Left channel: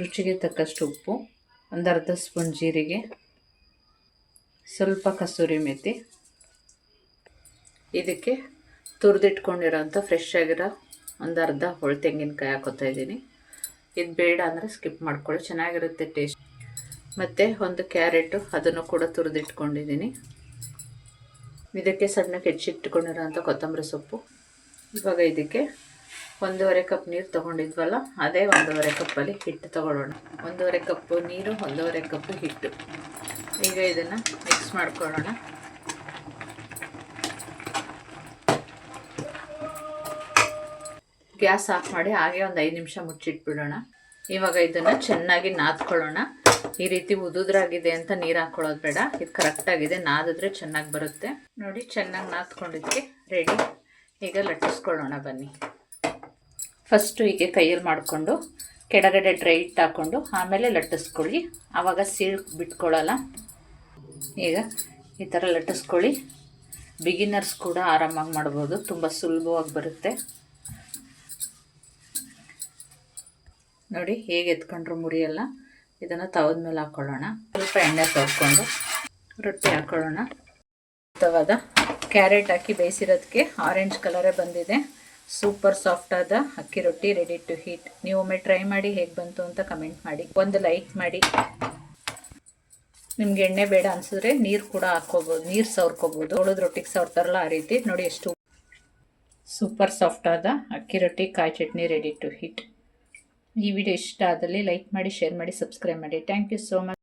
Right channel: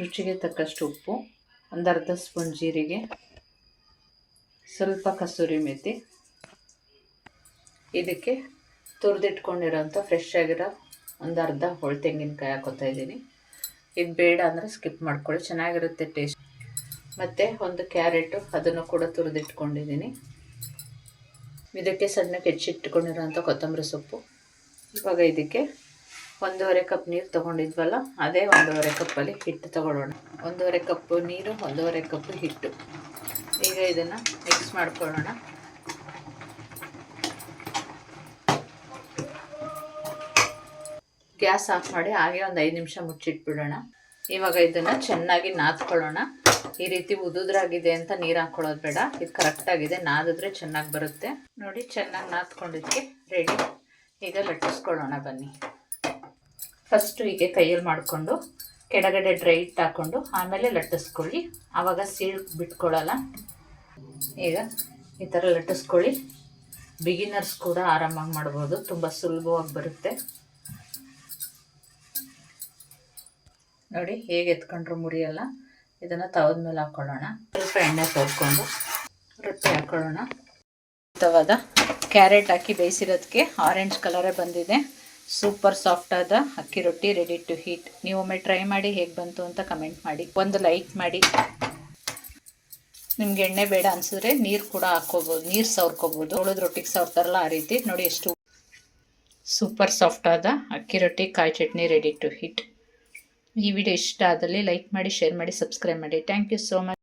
ರುಚಿಗೆ ತಕ್ಕಷ್ಟು ಉಪ್ಪು, ಒಂದು ಅರ್ಧ ಸ್ಪೂನ್ ಜೀರಿಗೆ, ಸ್ವಲ್ಪ ಕಸೂರಿ ಮೆಥಿ, ಇದಕ್ಕೆ ತುರಿದಿಟ್ಕೊಂಡಿರೋಂಥ ಫ್ರೆಶ್ ಆಗಿರೋ ಒಂದು ಅರ್ಧ ಹೋಳು ತೆಂಗಿನಕಾಯಿ ಹಾಕೋತಾ ಇದ್ದೀನಿ. ಇದು ಬೇಡ ಅಂದರೆ ಸ್ಕಿಪ್ ಮಾಡ್ಕೊಳ್ಳಿ, ಚೆನ್ನಾಗಿರುತ್ತೆ ಟೇಸ್ಟ್. ಮತ್ತು ಒಂದು ಕ್ಯಾರೆಟು, ಅದನ್ನು ಕೂಡ ತುರಿದಿಟ್ಕೊಂಡಿದ್ದೀನಿ. ಇದಕ್ಕೆ ಸಣ್ಣಕ್ಕೆ ಹೆಚ್ಚಿಟ್ಕೊಂಡಿರೋಂಥ ಕೊತ್ತಂಬರಿ ಸೊಪ್ಪು. ಇವಾಗ ಇದಕ್ಕೆ 1.5 ಕಪ್ ನೀರು ತೊಗೊಂಡಿದ್ವಲ್ಲ, ಅದೇ 1.5 ಕಪ್ಪಲ್ಲಿ ಹಿಟ್ಟು ತೊಗೊಳ್ಳೋಣ. 1.5 ಕಪ್ಪು ನೀರು, 1.5 ಕಪ್ಪು ಹಿಟ್ಟು. ಈಗ ಇದನ್ನು ಮಿಕ್ಸ್ ಮಾಡ್ಕೊಳ್ಳೋಣ. ಗ್ಯಾಸ್ ಆಫ್ ಮಾಡಿ ಹಾಗೆ ಒಂದು 5 ನಿಮಿಷ ಮುಚ್ಚಿಟ್ಬಿಡೋಣ. ಇವಾಗ ಇದನ್ನು ಚೆನ್ನಾಗಿ ನಾದ್ಕೊಳ್ಳೋಣ. ಈ ರೀತಿ ಉದುದ್ರಾಗಿದೆ ಅಂತ ನೀರು ಹಾಕ್ಕೊಳ್ಳೋದು ಬೇಡ, ಇದು ಕರೆಕ್ಟಾಗಿದೆ. ನಾದಿದ್ರೆ ಚೆನ್ನಾಗಿ ಬರುತ್ತೆ ನೋಡಿ. ಚೆನ್ನಾಗಿ ನಾದ್ಕೊಂಡಿದ್ದಕ್ಕೆ ರೆಡಿ. ಈಗ ಲಟ್ಟಿಸ್ಕೊಳ್ಳೋಣ ಬನ್ನಿ. ಫಸ್ಟು ಹೀಗೆ ಕೈಯಲ್ಲಿ ಮಾಡಿಕೊಂಡು ಕೆಳಗಡೆ ಡ್ರೈ ಹಿಟ್ಟು ಹಾಕ್ಕೊಂಡು ಆಮೇಲೆ ಲಟ್ಟಿಸ್ಕೊಳ್ಳಿ, ಆವಾಗ ಸೀಳು ಬಿಟ್ಕೊಳ್ಳಲ್ಲ. ಈಗ ಈ ಥರ ಲಟ್ಟಿಸ್ಕೊಳ್ಳಿ. ಬಿಗಿನರ್ಸ್ ಕೂಡ ಆರಾಮಾಗಿ ಮಾಡ್ಬೋದು, ತುಂಬ ಸುಲಭವಾಗಿ ಬರುತ್ತೆ ನೋಡಿ. ಹೇಗೆ ಎತ್ಕೊಂಡ್ರು ಮುರಿಯಲ್ಲ. ಇದನ್ನು ತವದ ಮೇಲೆ ಹಾಕ್ಕೊಳ್ಳೋಣ. ಸ್ವಲ್ಪ ಎಣ್ಣೆ ತೊಳ್ಕೊಂಡು ರೊಟ್ಟಿ ಹಾಕ್ಕೊಳ್ಳೋಣ. ತವದ ಕ್ಯಾರೆಟ್ ಹಾಕಿ ಬೇಯಿಸಿರೋದಕ್ಕೆ ಆರೆಂಜ್ ಕಲರೇ ಬಂದಿದೆ. ಸೂಪರ್ ಸಾಫ್ಟ್ ಆದ ಅಕ್ಕಿ ರೊಟ್ಟಿ ರೆಡಿ ಟು ಹೀಟ್. ನೀವು ಒಮ್ಮೆ ಟ್ರೈ ಮಾಡಿ, ಹೇಗೆ ಬಂತು ಅಂತ ಕಮೆಂಟ್ ಮಾಡಿ, ಒಂದು ಲೈಕ್ ಮಾಡಿ. ನಿಮ್ಗೆ ಎಣ್ಣೆ ಬೇಡ ಅನಿಸಿದ್ರೆ ನೀರು ಕೂಡ ಹಾಕ್ಕೋಬೋದು, ನೀರು ಸವರ್ಕೋಬೋದು. ಉಳಿದ ರೊಟ್ಟಿಗೆ ಸವರ್ತಾರಲ್ಲ ಆ ರೀತಿ ನೋಡಿ. ಎಷ್ಟು ಸೂಪರ್ ಸಾಫ್ಟ್ ಆದ ಅಕ್ಕಿ ರೊಟ್ಟಿ ಕಾಯಿ ಚಟ್ನಿ ರೆಡಿ ಟು ಹೀಟ್. ಈ ವಿಡಿಯೋ ಇಷ್ಟ ಆದಲ್ಲಿ ಲೈಕ್ ಮಾಡಿ, ಶೇರ್ ಮಾಡಿ, ಸಬ್ಸ್ಕ್ರೈಬ್ ಮಾಡಿ. Thank you so much.